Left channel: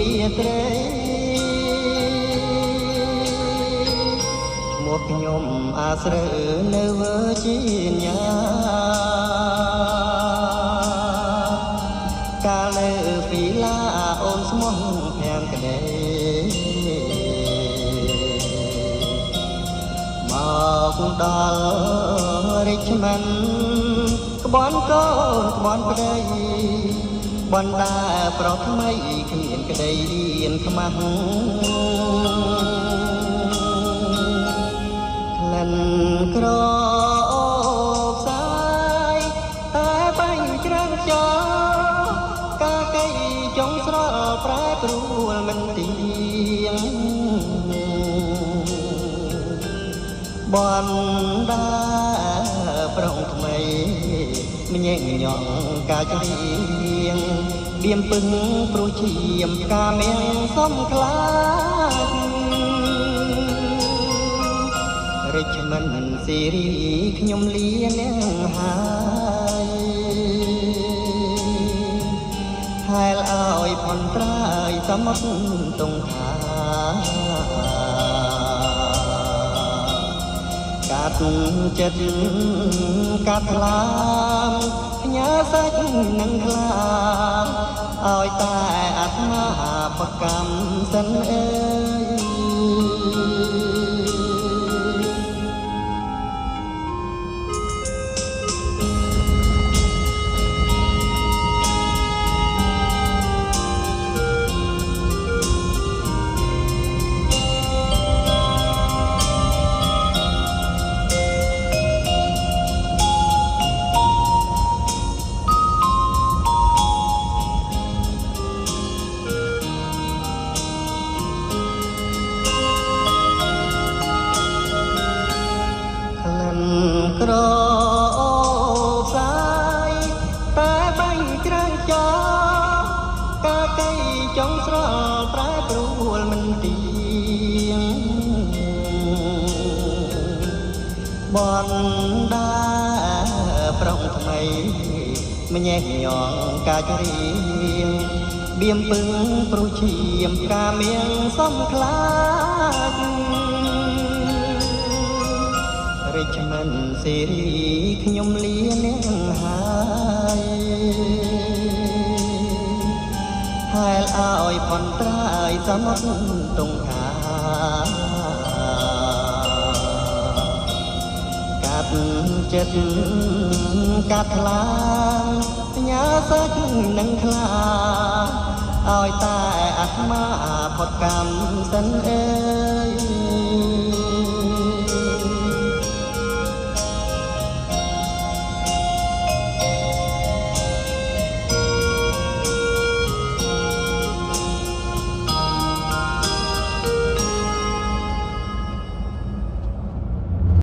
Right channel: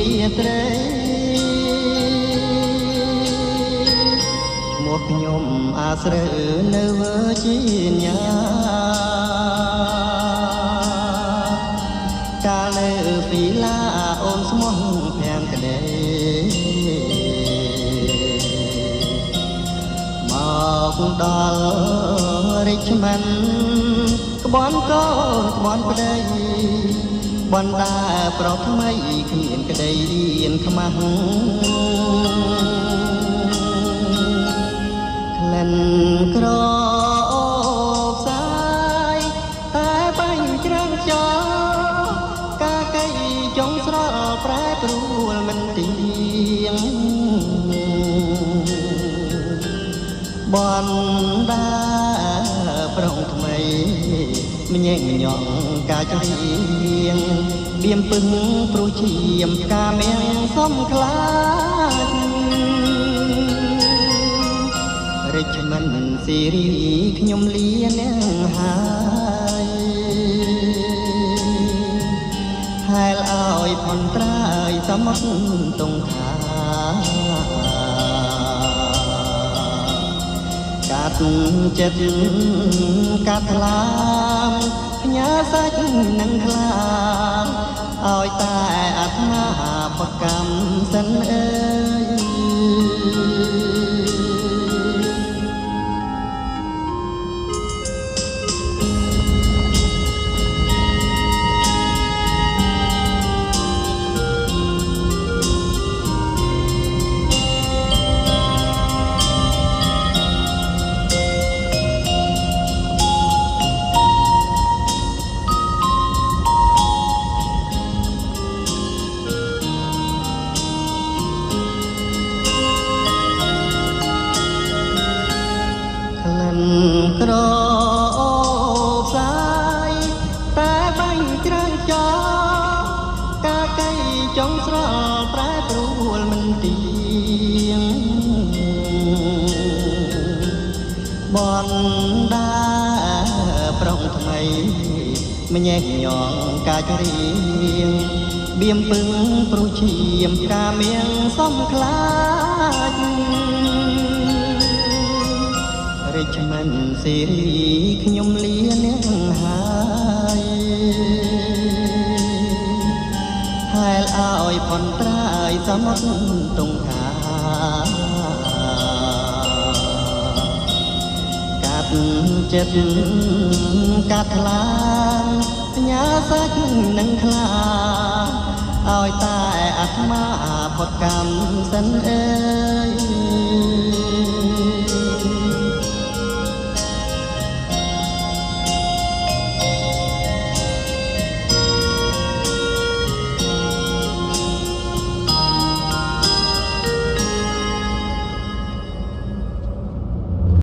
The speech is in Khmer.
រីត្រីមកខ្ញុំអាស្រូវនៅជាញាកាលនៅពីឡាអូនស្មោះខាងក្ដីមកដល់រិចមិនក្បន់ក៏ក្បន់ក្ដីបណ្ដាប្រថ្មីគ្មានក្ដីរៀនខ្មាស់ក្លិនក្រផ្សាយតែបាញ់ច្រាំចោលកាកៃចុងស្រលប្រែប្រួលមិនទៀងបណ្ដាប្រងថ្មីម្ញែកញ៉ងកាចរៀងបៀមពឹងព្រោះជាមកាមានសំខ្លារិចមិនសេរីខ្ញុំលៀនហើយហែលឲ្យផំត្រាយសមុទ្រតុងខាកាត់ចិត្តកាត់ឡាផ្ញើសាច់នឹងខ្លាឲ្យតែអាត្មាប្រកម្មសិនអើក្រផ្សាយតែបាញ់ច្រាំចោលកាកៃចុងស្រលប្រែប្រួលមិនទៀងបណ្ដាប្រងថ្មីម្ញែកញ៉ងកាចរៀងបៀមពឹងព្រោះជាមកាមានសំខ្លាចរិចមិនសេរីខ្ញុំលៀនហើយហែលឲ្យផនត្រាយសមុទ្រតុងខាកាត់ចិត្តកាត់ខ្លាញ៉ាសាច់នឹងខ្លាឲ្យតែអាត្មាផុតកម្មសិន